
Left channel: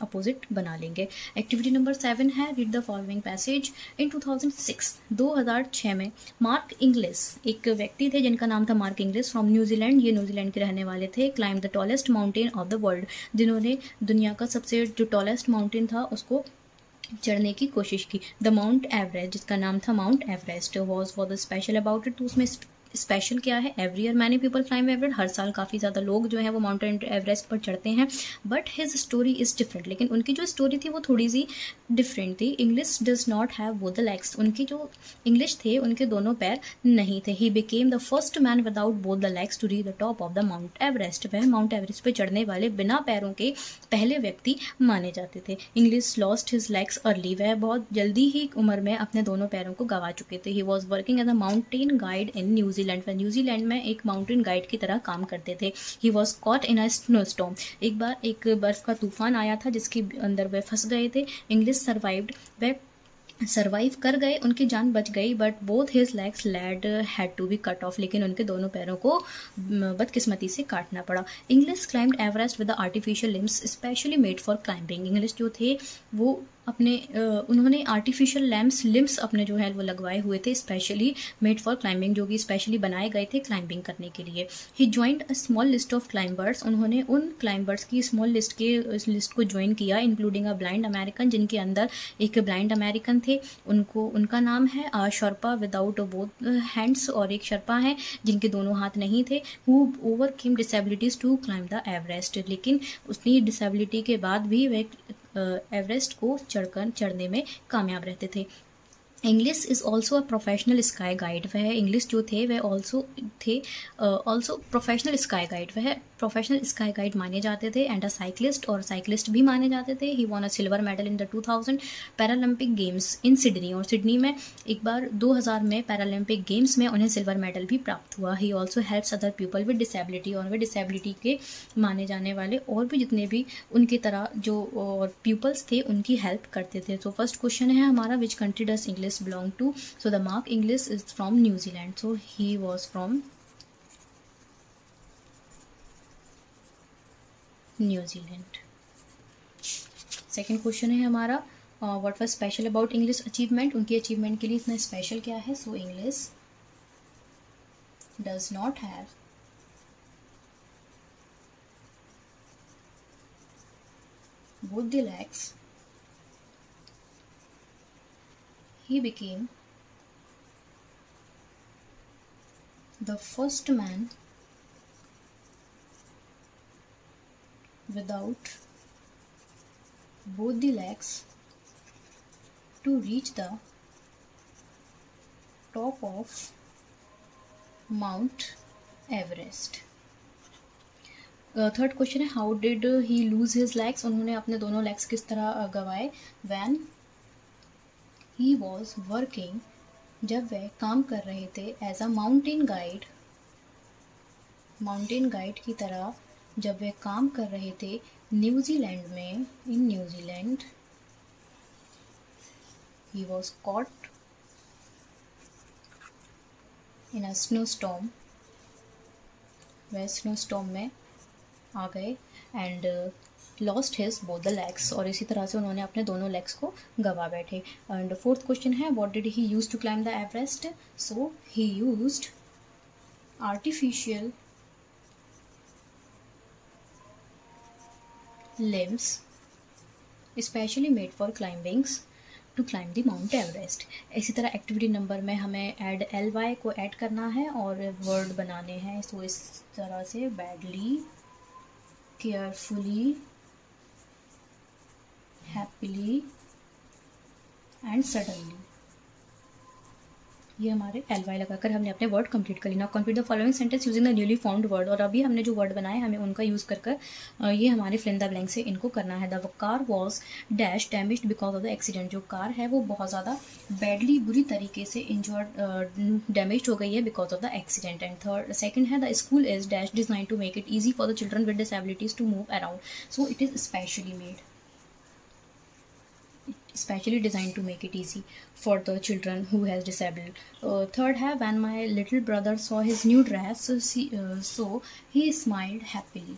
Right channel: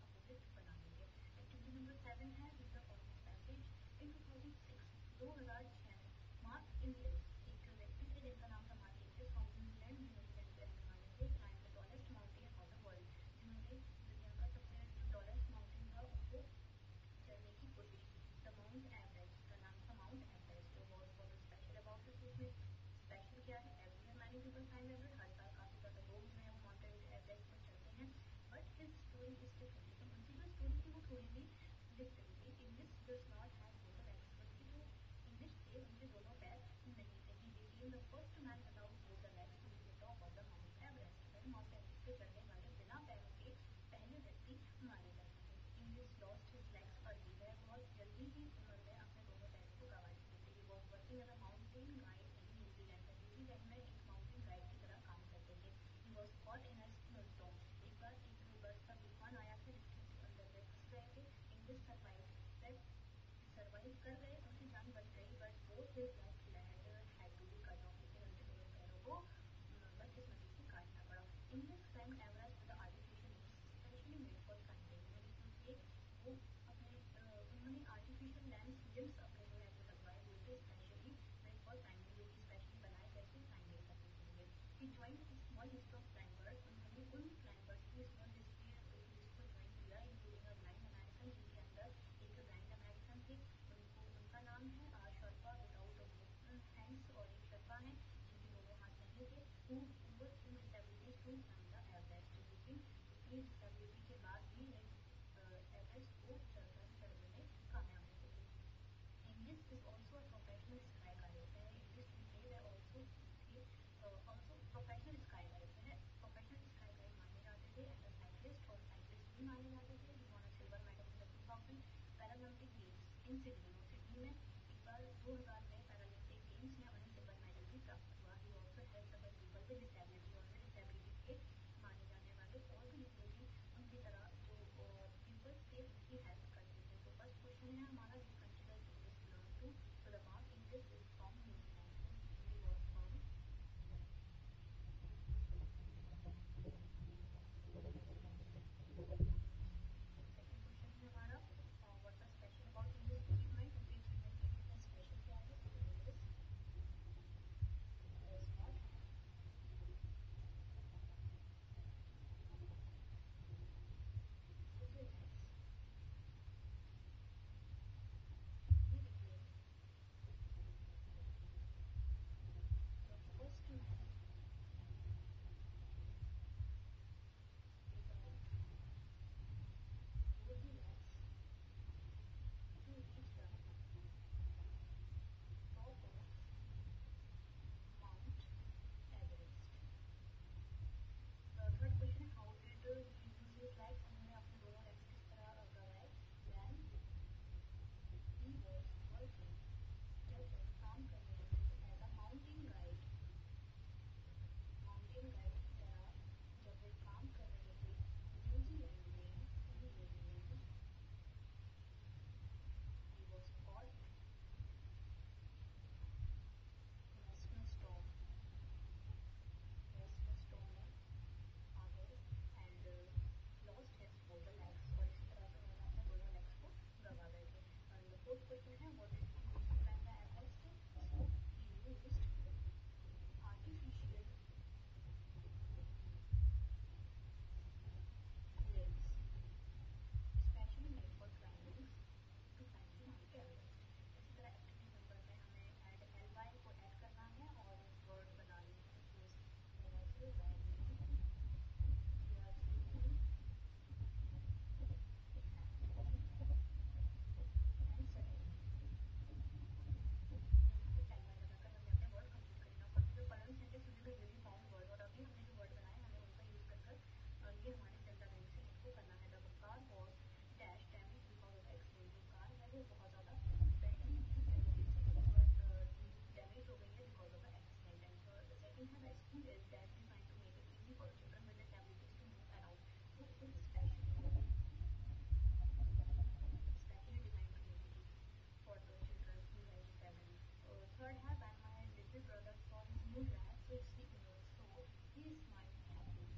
अपोजिट बना लेंगे। एक्टिविटी नंबर 7 है रीड द फॉलोइंग पैसेज। इन 2006 में मार्क इंग्लिस, एक व्यक्ति थे जिनका नाम था मार्क इंग्लिस, फ्रॉम न्यूजीलैंड, ये न्यूजीलैंड के रहने वाले थे, climb the tallest mountain of the world, जिन्होंने दुनिया का सबसे जो टॉलेस्ट माउंटेन था उसको चढ़ने की कोशिश की। द माउंट एवरेस्ट, जिसका नाम था Mount Everest, was for the special about it, तो उसमें स्पेशल क्या है, every year many people climb Everest, हर साल काफ़ी ज़्यादा लोग जो है वो माउंटेन एवरेस्ट पर चढ़ते हैं, but his story is different, लेकिन उनकी जो स्टोरी थी वो थोड़ी सी डिफरेंट थी। Inglis does not have both the legs, उनकी जो इंग्लिश थे उनके दोनों पैर नहीं थे। He became the first man without both the legs to reach the top of the Mount Everest, वह माउंट एवरेस्ट पर चढ़ने वाले बिना पैरों के पहले व्यक्ति माने जाते थे। English lost his legs early, वह बहुत जल्दी ही उम्र में अपने दोनों पैरों को गवा चुके थे। He was working as a mountain guide in New Zealand, वह न्यूजीलैंड में एक माउंटेन गाइड की तरह काम करते थे। He was caught in a snow storm, एक बार एक बर्फ का तूफान आया था जिसके अंदर वह फंस गए थे। इंग्लिश सर्वाइव्ड, वह सर्वाइव कर गए, उनकी जान बच गई, but both his legs led had to be cut off, लेकिन उनके दोनों पैरों को बदकिस्मती से काटना पड़ा। Inglis climbed Everest with artificial limbs specially made for climbing, Inglis जो थे वो अपने उन्होंने आर्टिफिशियल लिम्स अपने जो है वो लगवाए हुए थे, स्पेशली मेड फॉर क्लाइंबिंग, जो कि स्पेशली बनाए गए थे क्लाइंबिंग करने के लिए। He joined a small list of climbers, उन्होंने उन क्लाइंबर्स की स्मॉल लिस्ट को ज्वाइन किया, इंक्लूडिंग अ ब्लाइंड अमेरिकन, जिनके अंदर एक ब्लाइंड अमेरिकन थे, उनका नाम है शर्पा विदाउट बोथ हैंड्स, और एक शर्पा है जिनके दोनों हाथ नहीं थे, who overcame disabilities to climb the Everest, लेकिन उसकी डिसेबिलिटी के बाद भी वह एवरेस्ट को चढ़ने में कामयाब रहते थे। English is also a professional sky guide, वह इंग्लिश जो थे वह ऑल्सो प्रोफेशनल स्काई गाइड, वह प्रोफेशनल स्काई गाइड माने जाते थे, एंड अ साइक्लिस्ट, और साइक्लिस्ट भी माने जाते थे। He won a silver medal in the 2000 Paralympic games in Sydney, और सिडनी में एक बार 2000 में पैरालंपिक गेम्स में उन्हें सिल्वर मेडल भी प्राप्त हुआ। He also helps other people with disability, और वे डिसेबिलिटी के माने जाने वाले और भी जितने भी उनकी तरह जो पीपल्स थे उनकी हेल्प करते थे। तो फर्स्ट क्वेश्चन है हमारा which country does English belong to, so the Mark Inglis is from New Zealand, so he was from New Zealand. Second question है हमारा what was special about English achievement, उनकी achievement के लिए इतना special क्या है। So English does not have both the legs, he became the first man without both the legs to reach the top of Mount Everest. Third question है, how did he lose his legs, उन्होंने अपने दोनों legs किस तरह गंवाए. When he was working, जब वह काम कर रहे थे, एज अ माउंटेन गाइड की तरह जब वे काम कर रहे थे न्यूजीलैंड में. In New Zealand he was caught in a snowstorm, वह स्नोस्टॉर्म में आ गए. And lost his both the legs, और इसी तरह से उन्होंने अपने दोनों लेग्स को गंवा बैठे. एंड फोर्थ क्वेश्चन है, what did he use to climb the Everest. So he used artificial limbs especially made for climbings to climb the Mount Everest. इसी तरह एक्टिविटी नंबर में हमें ऐड ly को ऐड करना है और वर्ड बनाने हैं. सो इस तरह से badly, carefully, happily and suddenly, ये हमारे ly लगाकर हमने अपने वर्ड कंप्लीट कर लेना. Complete the following sentence using the newly found word, और अभी हमने जो वर्ड बनाए हमें उनका यूज़ कर ये हमारे फिल इन द ब्लैंक से इनको करना है. The car was dash damaged because of the accident, जो कार है वो बहुत ज़्यादा बैडली, बुरी तरीके से इंजर्ड, डैमेज हो गई है because of the accident. And second है, the school is dash design to make it easy for the children with disabilities to move around, so it is specially designed to make it easy for the children who has disabled. Third है, when my little brother saw his new dress, so he smiled happily.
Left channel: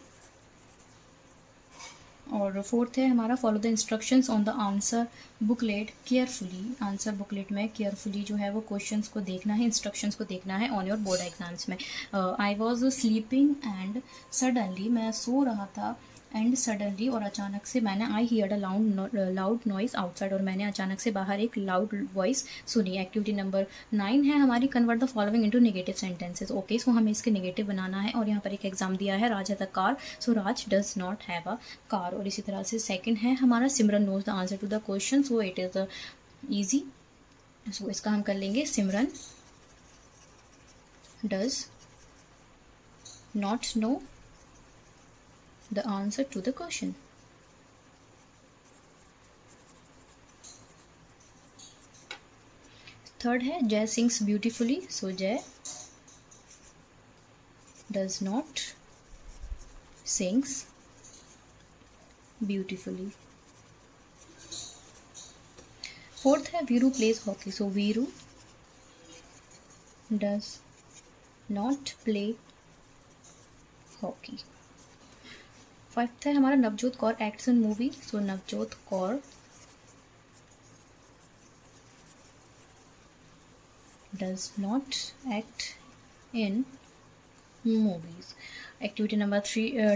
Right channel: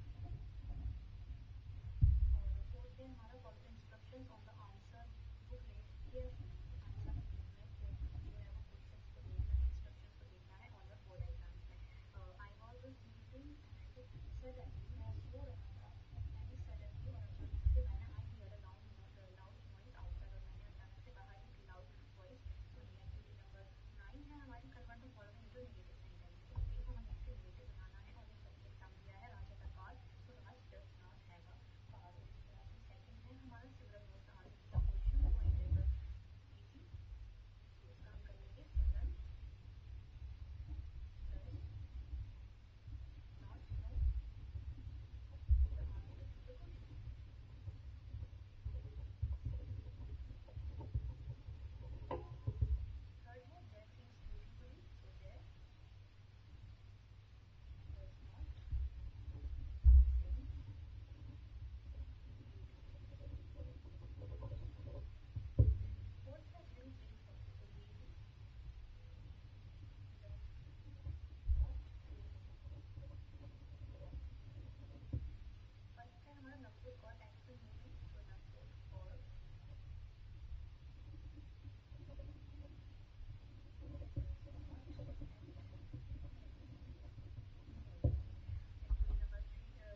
और fourth है हमारा, follow the instructions on the answer booklet carefully. Answer booklet में carefully जो है वो questions को देखना है, इंस्ट्रक्शंस को देखना है ऑन योर बोर्ड एग्जाम्स में. I was sleeping and suddenly, मैं सो रहा था, एंड सडनली और अचानक से, मैंने I hear a loud noise outside, और मैंने अचानक से बाहर एक लाउड वॉइस सुनी. एक्टिविटी नंबर 9 है हमारी, convert the following into negative sentences. Okay, so हमें इसके नेगेटिव बनाना है, और यहाँ पर एक एग्जाम दिया है, Raj has a car, so Raj does not have a car. और इसी तरह से सेकंड है हमारा, Simran knows the answer to the question, so it is easy. So इसका हम कर लेंगे, Simran does not know the answer to the question. Third है, Jay sings beautifully, so Jay does not sings beautifully. Fourth है, Viru plays hockey, so Viru does not play hockey. Fifth है हमारा, Navjot Kaur acts in movie, so Navjot Kaur does not act in movies. Activity number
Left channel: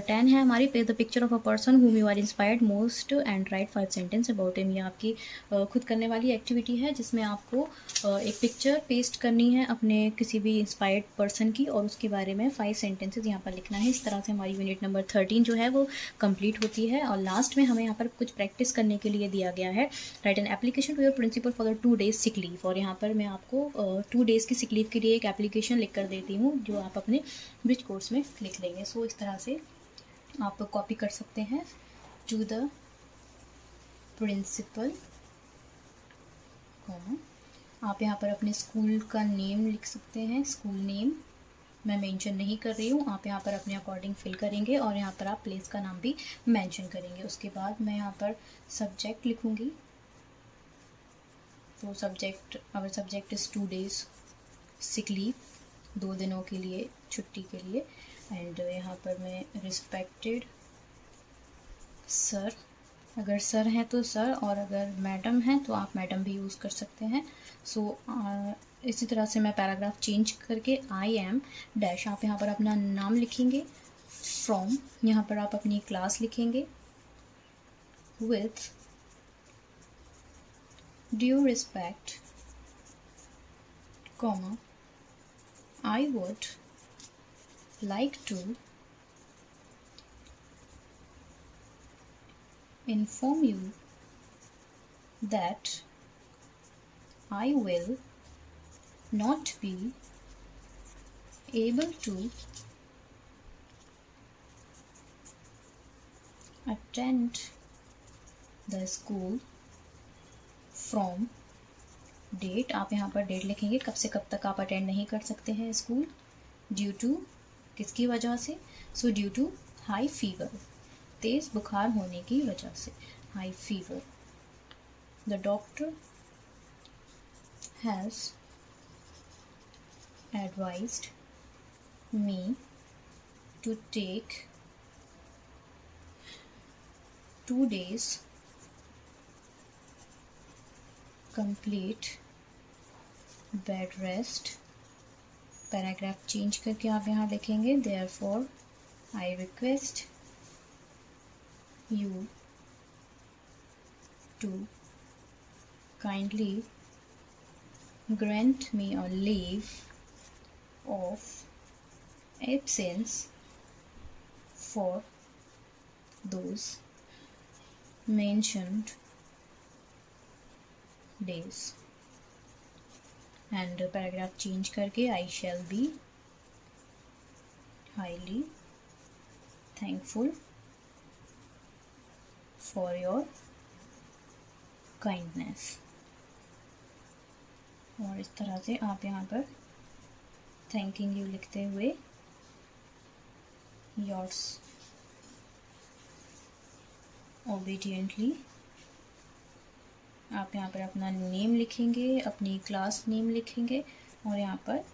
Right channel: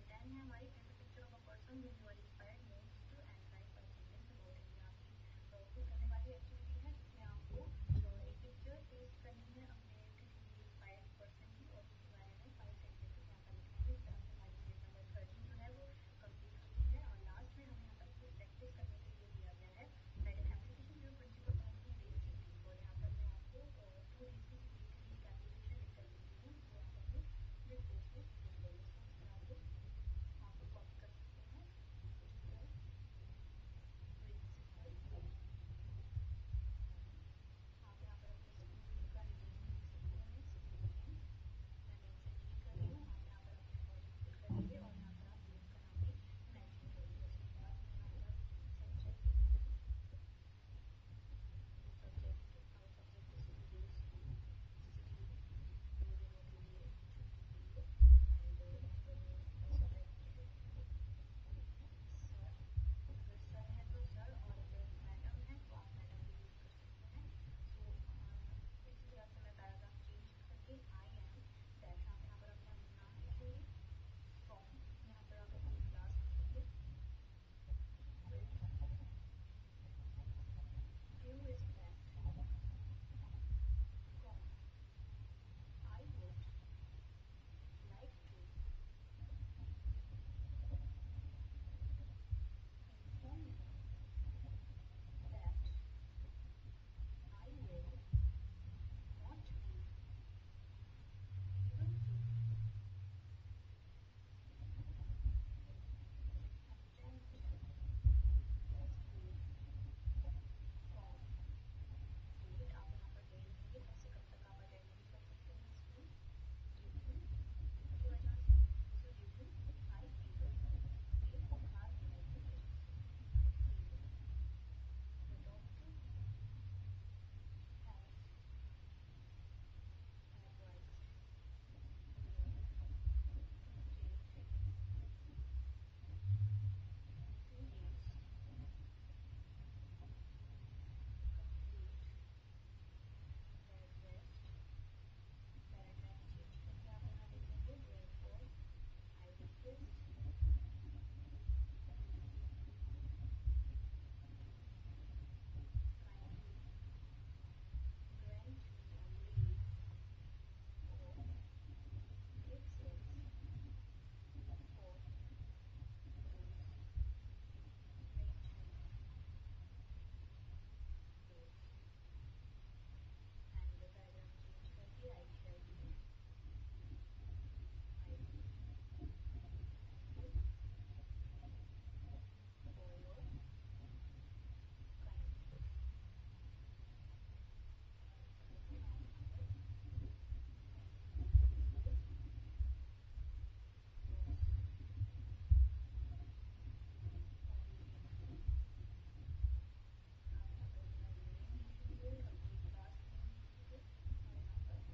10 है हमारी, page the picture of a person whom you are inspired most and write 5 sentences about him. ये आपकी खुद करने वाली activity है, जिसमें आपको एक पिक्चर पेस्ट करनी है अपने किसी भी इंस्पायर्ड पर्सन की, और उसके बारे में 5 सेंटेंसेस यहाँ पर लिखना है. इस तरह से हमारी यूनिट नंबर 13 जो है वो कंप्लीट होती है. और लास्ट में हमें यहाँ पर कुछ प्रैक्टिस करने के लिए दिया गया है, write an application to your principal for the 2 days sick leave. और यहाँ पर मैं आपको 2 days की सिक लीव के लिए एक एप्लीकेशन लिख कर देती हूँ, जो आप अपने ब्रिज कोर्स में लिख लेंगे. सो इस तरह से आप कॉपी कर सकते हैं, टू द प्रिंसिपल, आप यहाँ पर अपने स्कूल का नेम लिख सकते हैं, स्कूल नेम मैं मेंशन नहीं कर रही हूँ, आप यहाँ पर अपने अकॉर्डिंग फिल करेंगे, और यहाँ पर आप प्लेस का नाम भी मेंशन करेंगे. उसके बाद मैं यहाँ पर सब्जेक्ट लिखूँगी, तो subject, our subject is 2 days sick leave, 2 दिनों के लिए छुट्टी के लिए. एंड यहाँ पर मैं रिस्पेक्टेड सर, अगर सर हैं तो सर, और अगर मैडम हैं तो आप मैडम भी यूज़ कर सकते हैं. सो इसी तरह से मैं पैराग्राफ चेंज करके आई एम डैश, आप यहाँ पर अपना नाम लिखेंगे, फ्रॉम यहाँ पर आप अपनी क्लास लिखेंगे, with due respect, comma I would like to inform you that I will not be able to attend the school from date, आप यहाँ पर डेट लिखेंगे कब से कब तक आप अटेंड नहीं कर सकते हैं स्कूल, ड्यू टू किसकी वजह से, so due to high fever, तेज़ बुखार होने की वजह से, high fever. The doctor has advised me to take 2 days complete bed rest. Paragraph change करके आप यहाँ लिखेंगे therefore I request you to kindly grant me a leave of absence for those mentioned days। And paragraph change करके I shall be highly thankful for your kindness. और इस तरह से आप यहाँ पर थैंकिंग यू लिखते हुए योर्स ओबीडियंटली आप यहाँ पर अपना नेम लिखेंगे, अपनी क्लास नेम लिखेंगे और यहाँ पर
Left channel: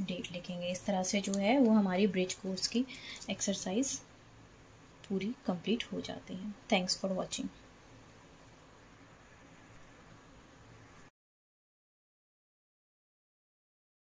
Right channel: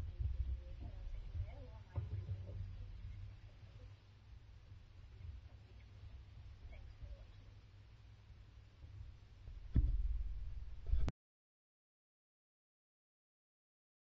डेट लिखेंगे। इस तरह से जो है वो हमारी ब्रिज कोर्स की एक्सरसाइज पूरी कंप्लीट हो जाती है। Thanks for watching.